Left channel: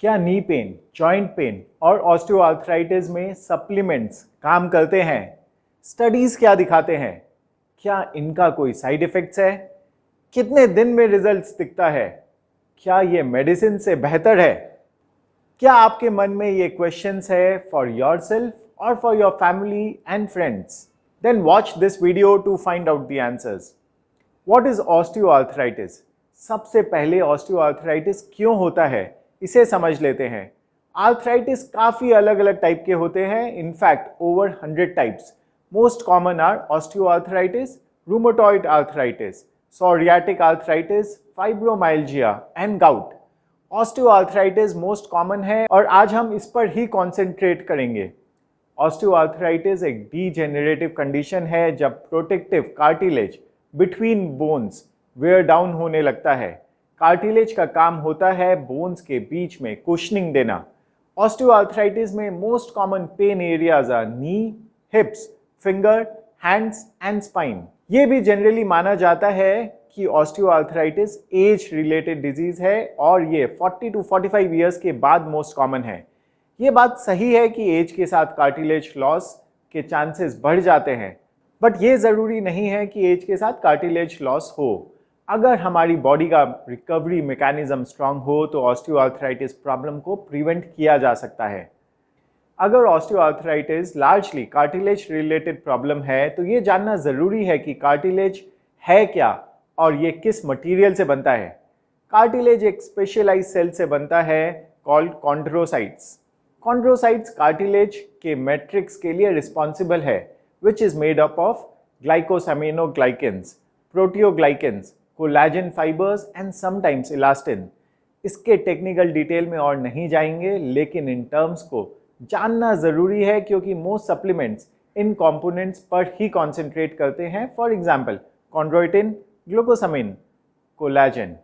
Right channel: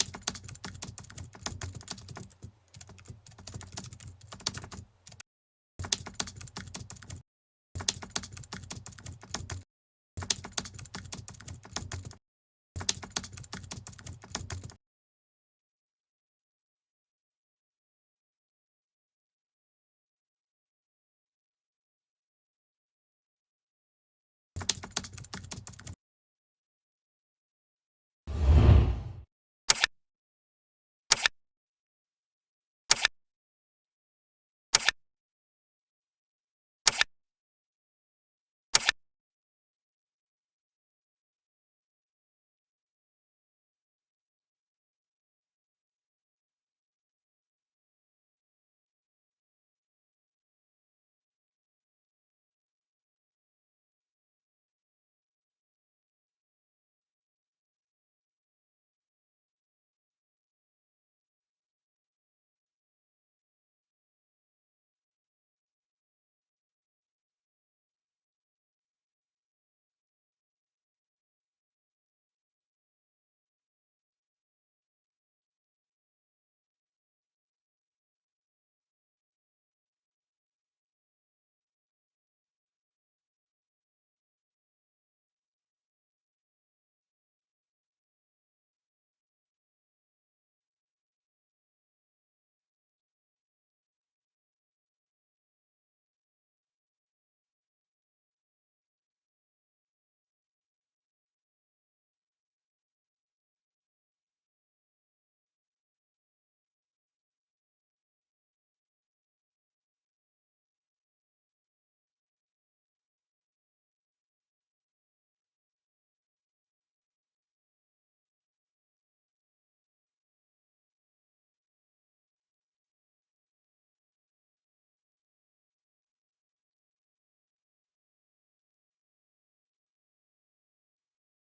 क्या knee pain, joint pain और osteoarthritis में सप्लीमेंट्स काम करते हैं? स्टडीज क्या दिखाते हैं? क्या इनका कोई साइड इफेक्ट्स है? कितने दिन में रिजल्ट्स दिखता है? क्या ये मेडिसिन से बेहतर है? क्या आपके मन में ये क्वेश्चंस है फॉर योरसेल्फ और for your family and friends? Then watch this video to find out the answers. What is osteoarthritis? सबसे पहले ऑस्टियोआर्थराइटिस क्यों होता है इसे समझ लेते हैं। आर्थराइटिस काफी अलग अलग टाइप के होते हैं, in fact over 100 types. Most common are osteoarthritis, rheumatoid arthritis, psoriatic arthritis, fibromyalgia and gout. Osteoarthritis most common है और आज हम इस पर ही कॉन्सेंट्रेट करेंगे। ऑस्टियोआर्थराइटिस एक डीजेनरेटिव कंडीशन है जब protective cartilage between bones wear down होने लगता है। कार्टिलेज का काम होता है बोन्स के बीच में कुशनिंग देना। ऑस्टियोआर्थराइटिस में most common pain areas are knee, hips, finger, hands and spine. ये भी जनरली माना जाता है कि ऑस्टियोआर्थराइटिस एज रिलेटेड डिजीज है और ये 40 to 45 ईयर्स के बाद मोस्ट कॉमन है। ये बात सही है कि एज के साथ कार्टिलेज लॉस के चांसेस बढ़ जाते हैं, बट ये ज़रूरी नहीं है कि एज के साथ कार्टिलेज लॉस हो। अगर हमारी बॉडी का रिकवरी मैकेनिज्म स्ट्रांग हो तो ऑस्टियोआर्थराइटिस प्रॉब्लम को प्रिवेंट किया जा सकता है। अगर osteoarthritis largely cartilage related problem है तो ये जानना ज़रूरी है कि कार्टिलेज है क्या और ये किस मटेरियल से बनता है। कार्टिलेज एक स्पेशलाइज्ड सेल से बनता है कॉल्ड कॉन्ड्रोसाइट्स। कॉन्ड्रोसाइट्स कार्टिलेज के मैट्रिक्स के लिए रिस्पॉन्सिबल है, which is made up of glycosaminoglycans, proteoglycans, collagen fibres and sometimes elastin. इसके टेक्निकल डिटेल में और नहीं जाएंगे, लेकिन इन टर्म्स को जानना ज़रूरी है क्योंकि मोस्ट सप्लीमेंट्स इन कंपोनेंट्स पर ही कॉन्सेंट्रेट करते हैं। For example chondroitin, glucosamine, collagen.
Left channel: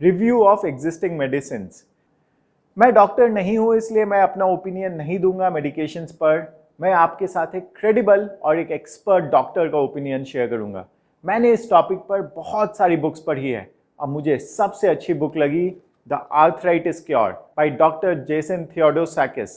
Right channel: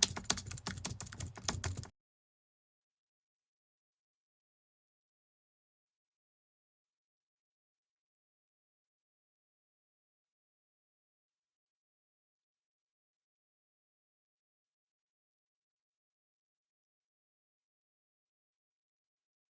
Review of existing medicine. मैं डॉक्टर नहीं हूँ इसलिए मैं अपना ओपिनियन नहीं दूंगा मेडिकेशंस पर। मैं आपके साथ एक क्रेडिबल और एक एक्सपर्ट डॉक्टर का ओपिनियन शेयर करूंगा। मैंने इस टॉपिक पर बहुत सारी बुक्स पढ़ी है और मुझे सबसे अच्छी बुक लगी the arthritis cure by doctor Jason Theodosakis.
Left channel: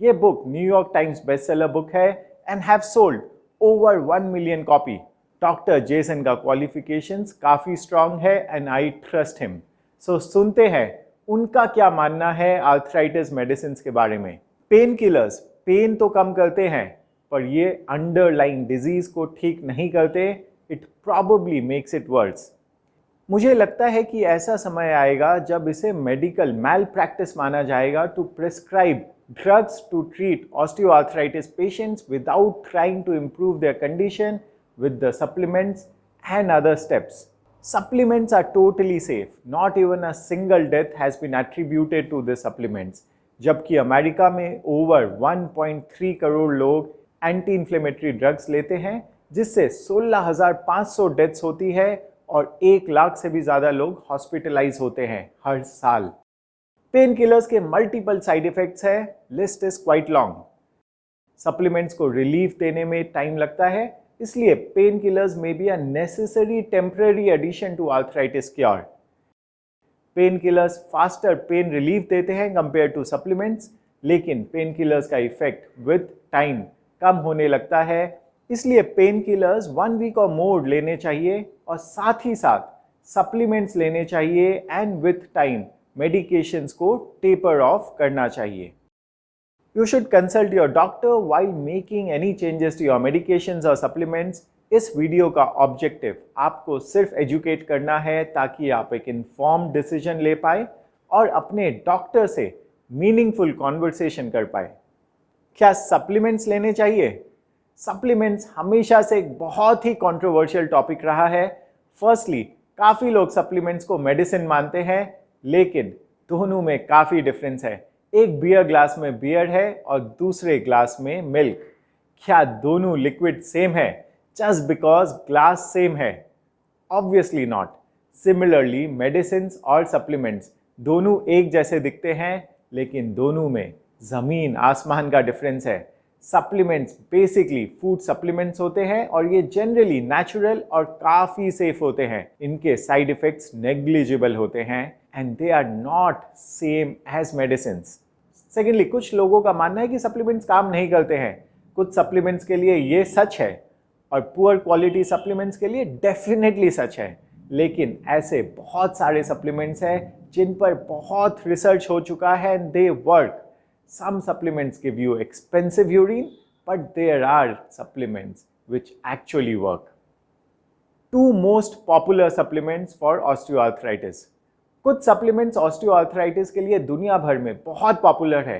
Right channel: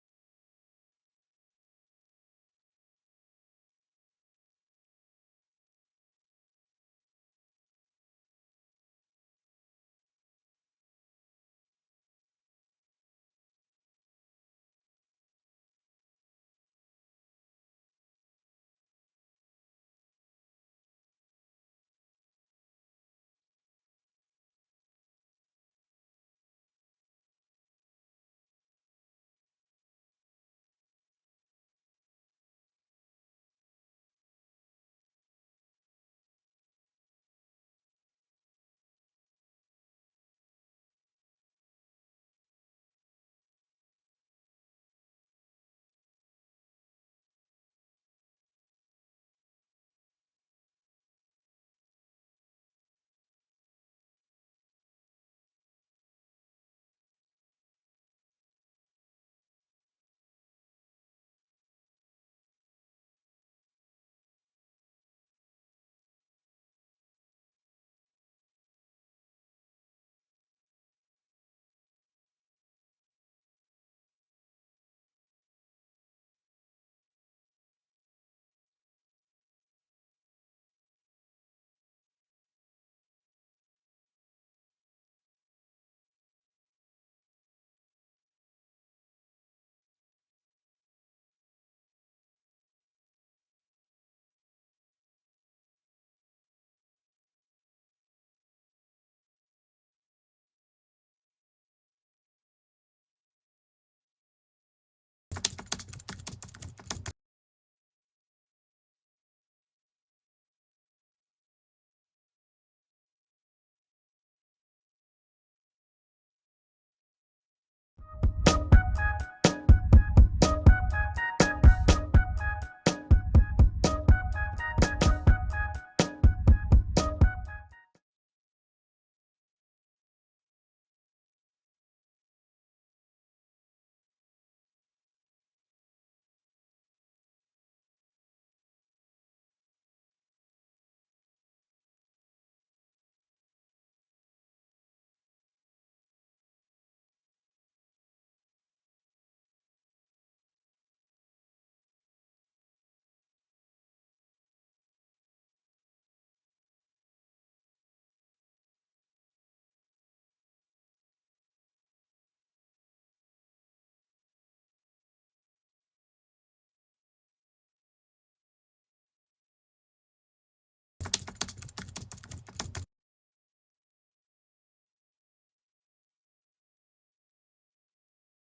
ये book New York Times bestseller book है and have sold over 1 million copy. Doctor Jason का क्वालिफिकेशंस काफ़ी स्ट्रांग है and I trust him. So सुनते हैं उनका क्या मानना है आर्थराइटिस मेडिसिन के बारे में। पेन किलर्स पेन तो कम करते हैं पर ये अंडरलाइंग डिजीज को ठीक नहीं करते। It probably makes it worse. मुझे लगता है कि ऐसा समय आएगा जब इसे मेडिकल मैल प्रैक्टिस माना जाएगा to prescribe drugs to treat osteoarthritis patients without trying to improve their condition with the supplements and other steps. Supplements are totally safe. Not even a single death has been attributed to the supplements. जबकि America में over 1.3 crore लोग anti inflammatory drugs लेते हैं जिससे 16,500 deaths होती है और 1 लाख से भी ज़्यादा लोग हॉस्पिटलाइज होते हैं हर साल। पेन किलर्स के मल्टीपल साइड इफेक्ट्स है, list is quite long. Supplements को रिलीफ देने में टाइम लगता है, इसलिए पेन किलर्स में be a necessary temporary addition to arthritis cure. Pain killers faster pain relief देते हैं कंपेयर टू सप्लीमेंट्स, लेकिन पेन किलर्स का इफेक्ट विद टाइम कम होने लगता है। इसलिए पेन किलर्स 1 वीक और मोर लेने चाहिए और साथ ही साथ सप्लीमेंट्स लेने चाहिए एंड विद टाइम मेडिकेशंस को टेपर ऑफ करना चाहिए। You should consult your doctor while making any changes to your medications or supplements. इस वीडियो का ऑब्जेक्टिव आपको सिर्फ एजुकेट करना है ताकि आप एक इन्फॉर्म्ड डिसीजन ले पाए और अपने डॉक्टर से मीनिंगफुल कॉन्वर्सेशन कर पाए। क्या सप्लीमेंट्स लेने चाहिए? सप्लीमेंट्स हमेशा से एक बहुत ही कंट्रोवर्शियल टॉपिक रहा है। फर्स्टली काफ़ी लोग सप्लीमेंट्स को मेडिसिन मानते हैं, लेकिन दोनों में काफ़ी डिफरेंस है। एक बियर ग्लास में बियर है और दूसरे ग्लास में मिल्क। क्या दोनों लिक्विड सेम है जस्ट बिकॉज ग्लास सेम है? Obviously not. सिमिलरली मेडिसिन और सप्लीमेंट्स दोनों एक जैसे दिखते हैं, लेकिन दोनों में ज़मीन आसमान का डिफरेंस है। सप्लीमेंट्स बेसिकली फूड सप्लीमेंट्स होते हैं और ये जनरली नेचुरल और काफ़ी सेफ होते हैं। इनके साइड इफ़ेक्ट्स नेग्लिजिबल होते हैं and they are not same as medicines. Secondly, कुछ लोगों का मानना है कि सप्लीमेंट्स काम नहीं करते हैं। कुछ सप्लीमेंट्स के लिए ये सच है और पुअर क्वालिटी सप्लीमेंट्स के लिए डेफिनेटली सच है। लेकिन ऐसे बहुत सारे सप्लीमेंट्स हैं जिन पर बहुत रिसर्च हो चुका है and they work. Some supplements give you expensive urine, but there are supplements which actually work. Two most popular supplements for osteoarthritis. कुछ supplements osteoarthritis के लिए दुनिया भर में बहुत पॉपुलर है।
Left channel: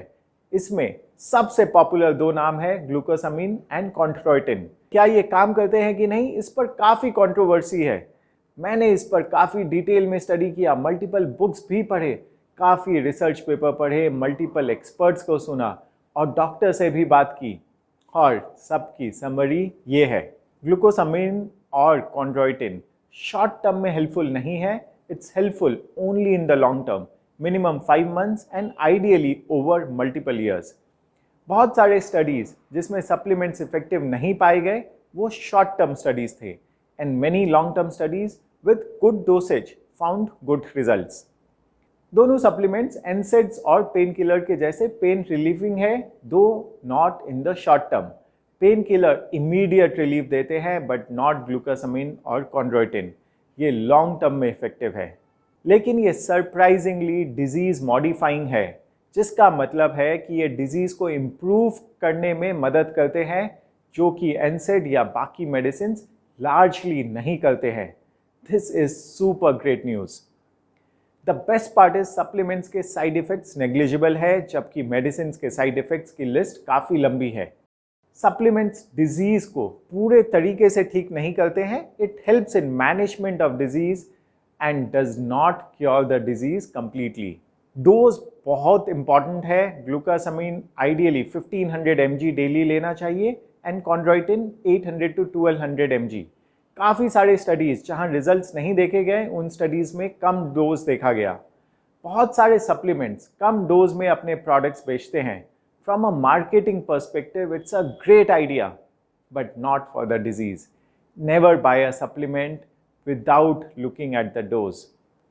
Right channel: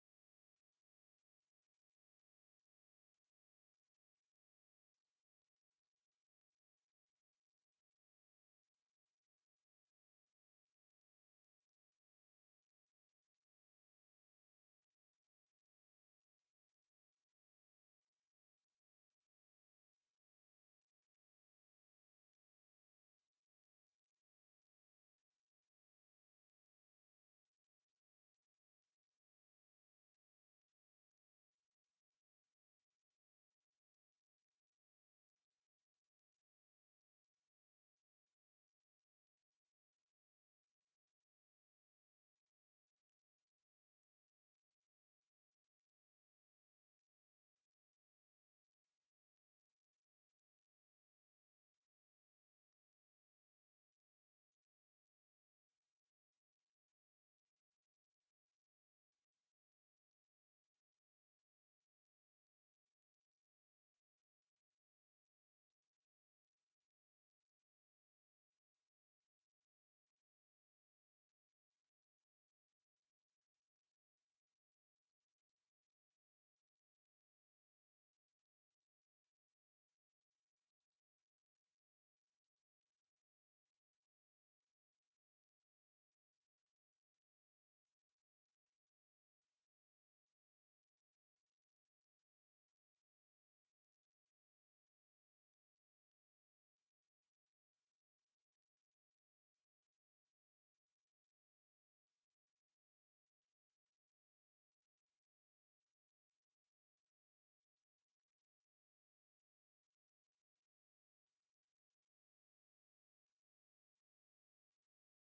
इसमें सबसे पॉपुलर दो नाम है ग्लूकोसामिन एंड कॉन्ट्रोइटिन। क्या ये काम करते हैं कि नहीं, इस पर काफ़ी कंट्रोवर्सी है। मैंने इस पर काफ़ी डिटेल में स्टडी किया, मल्टीपल बुक्स भी पढ़े, काफ़ी रिसर्च पेपर पढ़े, मल्टीपल एक्सपर्ट्स को सुना और डॉक्टर से भी बात की और सबकी समरी ये है। ग्लूकोसामिन और कॉन्ड्रोइटिन शॉर्ट टर्म में हेल्पफुल नहीं है, it's helpful only in the long term, minimum 5 months and ideally over multiple years. बहुत सारे स्टडीज़ जिसमें सप्लीमेंट्स इफेक्टिव नहीं पाए गए वो शॉर्ट टर्म स्टडीज़ थे and many long term studies with good dosage found good results. दोनों supplements NSAIDs और पेन किलर के जैसे पेन रिलीविंग है, दो not in the short term. Pain killer immediate relief देते हैं बट नॉट ग्लूकोसामिन और कॉन्ड्रोइटिन, ये लॉन्ग टर्म में इफेक्टिव है। लेकिन ये सरप्राइजिंगली डिजीज़ मॉडिफाइंग है, जिसका मतलब है कि ये डिजीज़ को इम्प्रूव करने में मदद करते हैं, जो कि एनसेड या बाकी मेडिसिन लार्जली नहीं करते हैं। This is super great news. The best part is supplements के साइड इफेक्ट्स नेग्लिजिबल है, जबकि मेडिसिन के साइड इफेक्ट्स की लिस्ट काफ़ी लंबी है। सप्लीमेंट्स डिजीज़ को पूरे तरीके से ठीक नहीं करते हैं, it helps in management of disease and does not cure the disease completely. Dose बहुत इंपॉर्टेंट है। ग्लूकोसामिन आइडियली 1500 mg डेली लेना चाहिए एंड कॉन्ड्रोइटिन 800 to 1200 mg। काफ़ी सारे स्टडीज़ जहां रिजल्ट्स नहीं देखे गए, उन स्टडीज़ में कम डोज देखा गया। बहुत सारे सप्लीमेंट्स कम डोज में अपने प्रोडक्ट्स बेचते हैं। From a marketing perspective it's a great idea but not for the disease. Never buy a supplement without looking at the dose.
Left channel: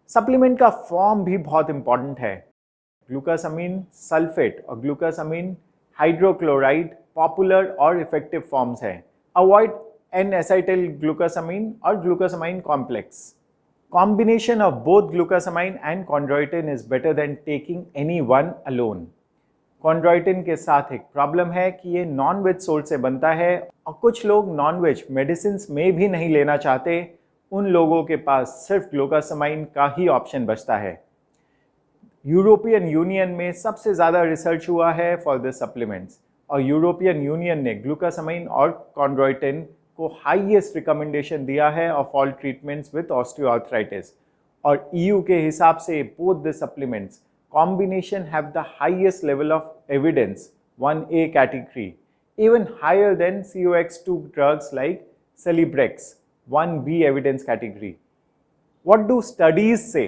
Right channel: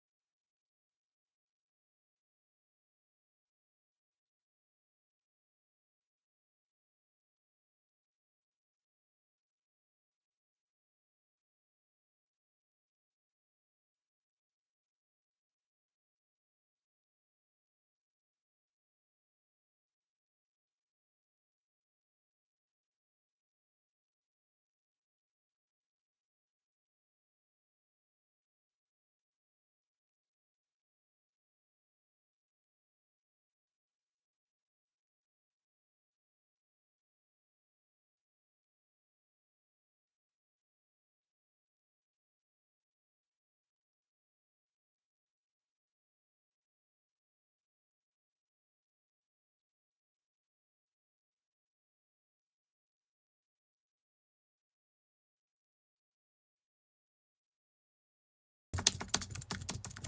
Supplement का फॉर्म भी बहुत इंपॉर्टेंट है। ग्लूकोसामिन सल्फेट और ग्लूकोसामिन हाइड्रोक्लोराइड पॉपुलर और effective forms हैं। Avoid N-acetyl glucosamine or glucosamine complex. Combination of both glucosamine and chondroitin is better than taking any one alone. Chondroitin के साथ एक प्रॉब्लम है कि ये नॉन वेज सोर्स से बनता है और कुछ लोग नॉन वेज मेडिसिन में भी नहीं लेना चाहते। उन लोगों के पास सिर्फ ग्लूकोसामाइन का ही ऑप्शन बचता है। यूरोपियन यूनियन में सबसे ज़्यादा रिसर्च हुआ है फॉर दिस सप्लीमेंट्स और यूरोपियन यूनियन ने ग्लूकोसामाइन और कॉन्ड्रोइटिन को हाईएस्ट रिकमेंडेशन दिया है of all treatments with osteoarthritis. और EU के हिसाब से both the supplements combination have the highest level of evidence 1A category, even higher than COX2 drugs like Celebrex 1B evidence category. What do studies say?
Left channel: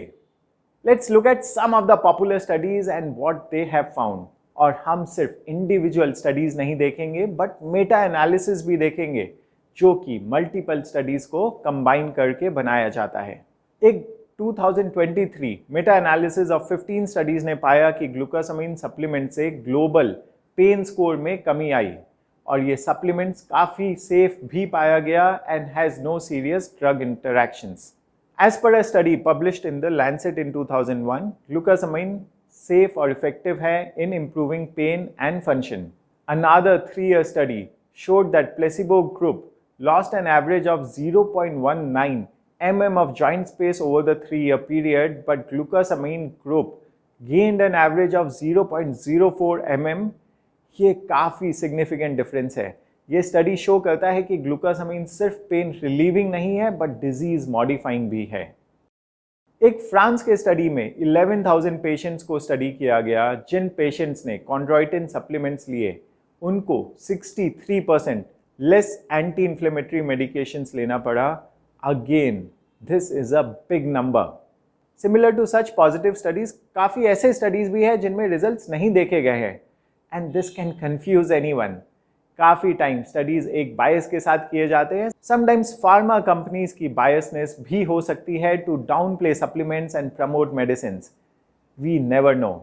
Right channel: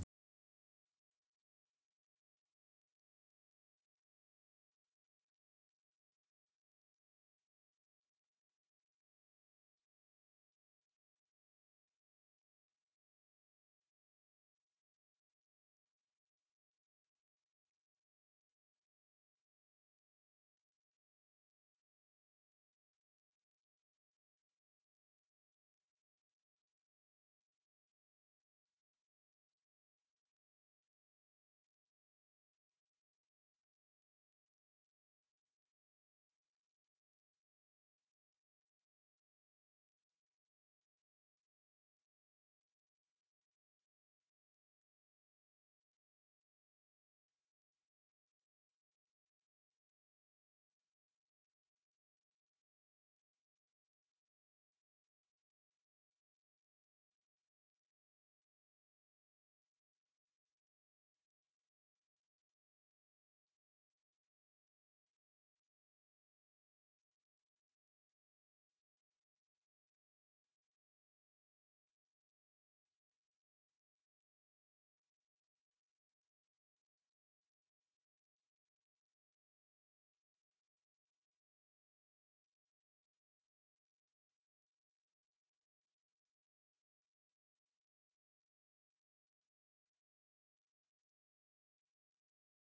Let's look at some of the popular studies and what they have found. और हम सिर्फ individual studies नहीं देखेंगे but Meta analysis भी देखेंगे, जो कि multiple studies को कंबाइन करके बनाया जाता है। एक 2023 मेटा एनालिसिस ऑफ 15 स्टडीज ने पाया कि ग्लूकोसामाइन सप्लीमेंट से ग्लोबल पेन स्कोर में कमी आई और ये सप्लीमेंट्स काफ़ी सेफ भी पाया गया and has no serious drug interactions. As per a study published in the Lancet in 2001, glucosamine safe or effective है in improving pain and function. Another 3-year study showed that placebo group lost an average of 0.19 mm of joint space over the 3-year period, but glucosamine group gained an average of 0.04 mm. ये काफ़ी significant difference है। ये study show करता है कि glucosamine सिर्फ pain relieving नहीं है बट डिजीज मॉडिफाइंग भी है। एक फ्रांस के स्टडी में 11,000 पेशेंट्स को स्टडी किया गया। जिन पेशेंट्स ने कॉन्ड्रोइटिन सप्लीमेंट्स लिए उनको 63% लेस एंटी इन्फ्लेमेटरी मेडिकेशंस लेना पड़ा। Again this is a big number. Similar to such positive studies काफ़ी ऐसे स्टडीज भी है जिनमें रिजल्ट्स नहीं देखे गए हैं and this can confuse anyone. काफ़ी टाइम स्टडीज़ एक बायस के साथ किए जाते हैं। समटाइम्स फार्मा कंपनीज की बायसनेस भी हो सकती है to downplay supplements and promote medicine. We never know,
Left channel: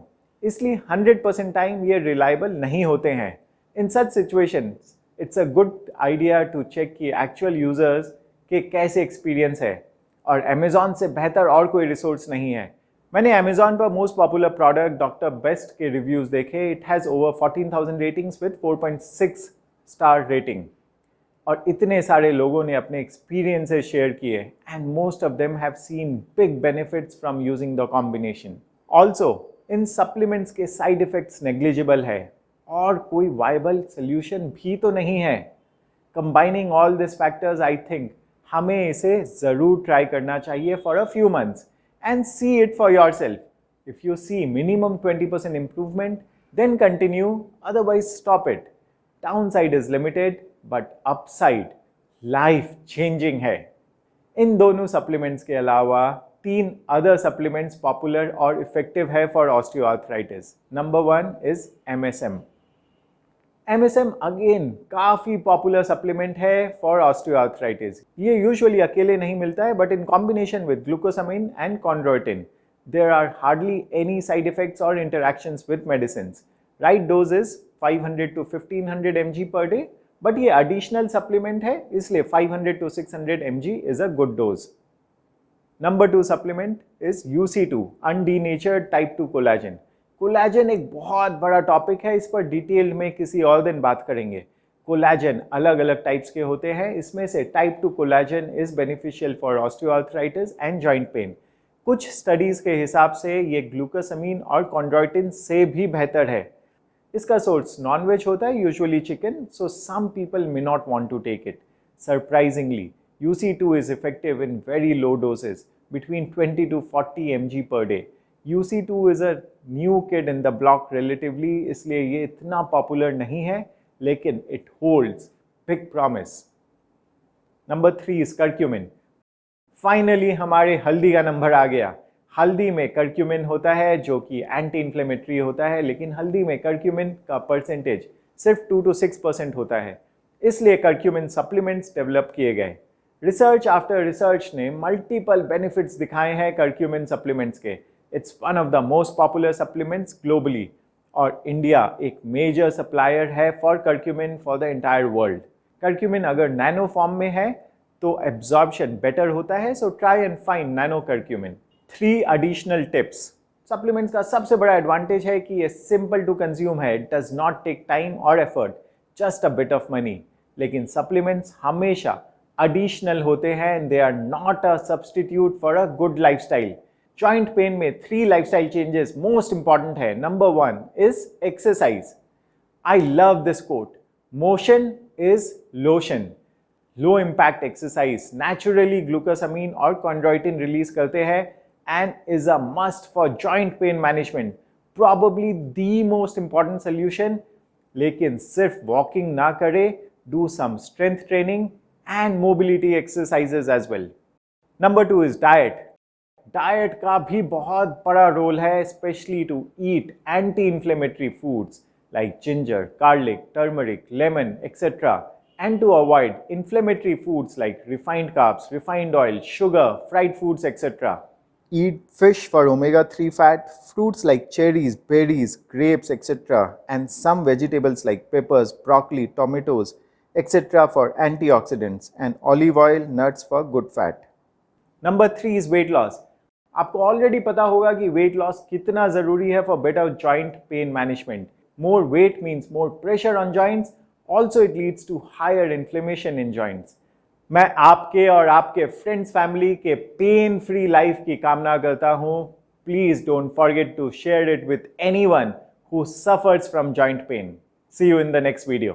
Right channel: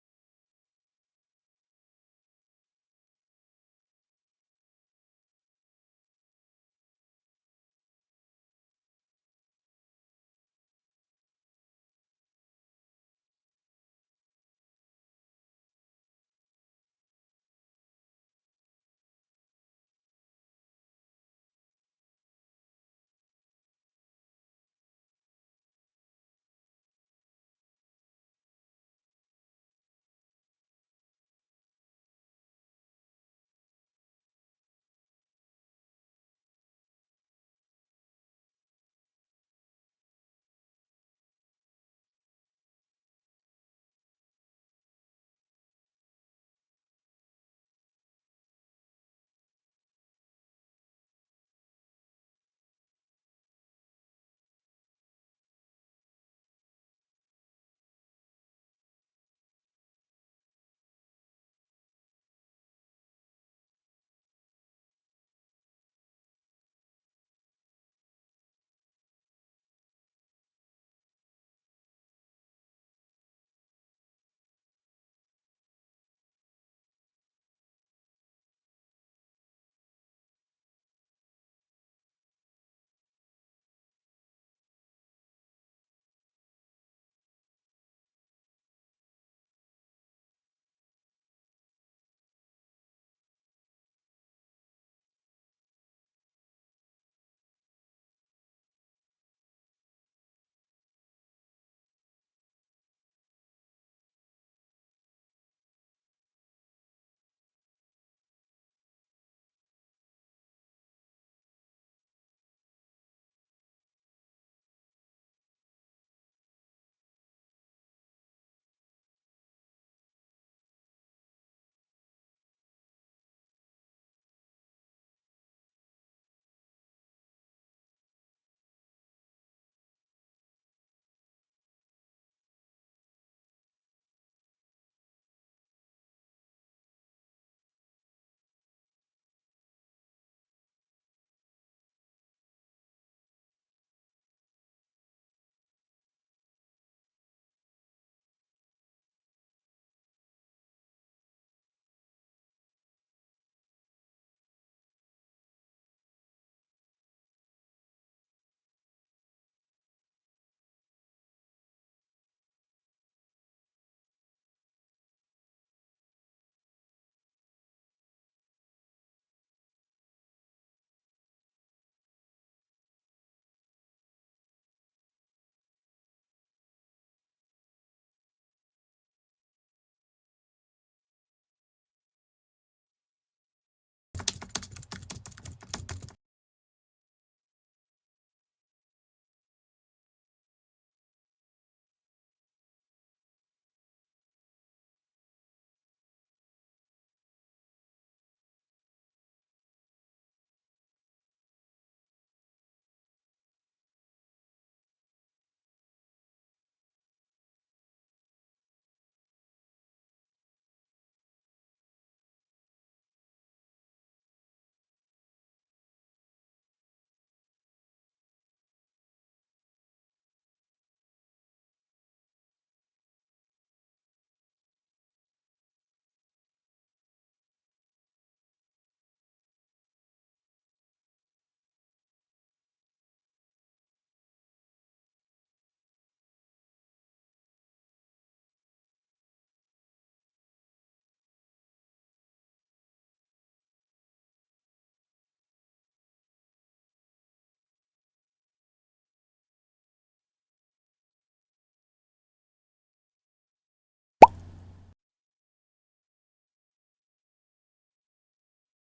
इसलिए 100% टाइम ये रिलायबल नहीं होते हैं। In such situation it's a good idea to check कि एक्चुअल यूजर्स के कैसे एक्सपीरियंस है, और अमेजॉन से बेहतर और कोई रिसोर्स नहीं है। मैंने अमेजॉन पर most popular product doctor best के रिव्यूज देखे। It has over 14,000 ratings with 4.6 star rating, और इतने सारे लोगों ने अपने एक्सपीरियंसेस शेयर किए and most of them have seen big benefits from using the combination. Also in supplements के साइड इफेक्ट्स नेग्लिजिबल है और कोई वायबल सोल्यूशन भी तो नहीं है। Combining all this factors, I think हमें इसे ज़रूर ट्राई करना चाहिए for a few months and see it for yourself. If you see minimum 20% improvement, then continue, otherwise stop it. Downside is limited, but upside life changing है। इन दोनों supplements के अलावा 3 other supplements popular और effective है for osteoarthritis. Number 1 is MSM। MSM again काफ़ी popular supplement है for osteoarthritis. ये usually अकेले नहीं मिलता है, but in combination with glucosamine and chondroitin. There are hardly any side effects और interactions with medicines. Right dose is 500 to 1500 mg per day, but ये additional supplement है, इसलिए 500 to 600 mg is a good dose. Number 2 supplement is UC2 undenatured type 2 collagen. Collagen एक बहुत बड़ा topic है, इस पर डिटेल में किसी और दिन बात करेंगे। कोलाजन अलग अलग टाइप्स के होते हैं, इसमें से type 2 collagen is beneficial for osteoarthritis and joint pain. कुछ स्टडीज के हिसाब से ये ग्लूकोसामाइन और कॉन्ड्रोइटिन से भी बेहतर है। इसका सोर्स नॉनवेज होता है, usually chicken, so some people may not want to take it. Surprisingly UC2 is effective in very low doses between 20 to 40 mg per day. UC2 is a new kid in the block relatively, इसलिए ये इतना popular नहीं है, लेकिन it holds big promise. Number 3 is curcumin. Finally हमारे हल्दी का number आ गया। हल्दी में curcumin होता है जो कि एंटी इन्फ्लेमेटरी होता है, लेकिन हल्दी में curcumin का परसेंटेज सिर्फ 2 to 6% होता है, इसलिए curcumin सप्लीमेंट्स डेवलप किए गए। रिसर्च आफ्टर रिसर्च ने मल्टीपल बेनिफिट्स दिखाए हैं curcumin सप्लीमेंट्स के। It's one of the most popular supplements globally, और इंडिया एक मेजर सप्लायर है for curcumin for the entire world. curcumin अगर नैनो फॉर्म में है तो एब्जॉर्प्शन बेटर होता है, so try and find nano curcumin। 3 additional tips. Supplements का सबसे बड़ा एडवांटेज है कि ये सिंपल टू कंज्यूम है, it does not take time और effort, just a bit of money. लेकिन सप्लीमेंट्स हमेशा एडिशनल होते हैं and they are not a substitute for a good lifestyle. Joint pain में 3 लाइफस्टाइल चेंजेस मोस्ट इंपॉर्टेंट है। Number 1 is exercise. I love this quote, motion is lotion. Low impact exercise naturally glucosamine और chondroitin release करते हैं and is a must for joint pain management, probably the most important solution. लेकिन सिर्फ walking ना करे, do some strength training and mobility exercises as well. Number 2 is diet. Diet का भी बहुत बड़ा रोल है, specially to eat anti inflammatory foods like ginger, garlic, turmeric, lemon etcetera, and to avoid inflammatory foods like refined carbs, refined oil, sugar, fried foods etcetera. Eat fish for omega-3 fat, fruits like cherries, berries, grapes, etc., and some vegetables like peppers, broccoli, tomatoes, etc. for antioxidants, and olive oil, nuts for good fat. Number 3 is weight loss. आपको already पता होगा कि weight loss कितना ज़रूरी है for better joint pain management. More weight means more pressure on joints, also it leads to higher inflammation in joints. मैं आपके और आपके फ्रेंड्स फैमिली के पेन फ्री लाइफ की कामना करता हूँ। Please don't forget to share it with anyone who suffers from joint pain. See you in the next video.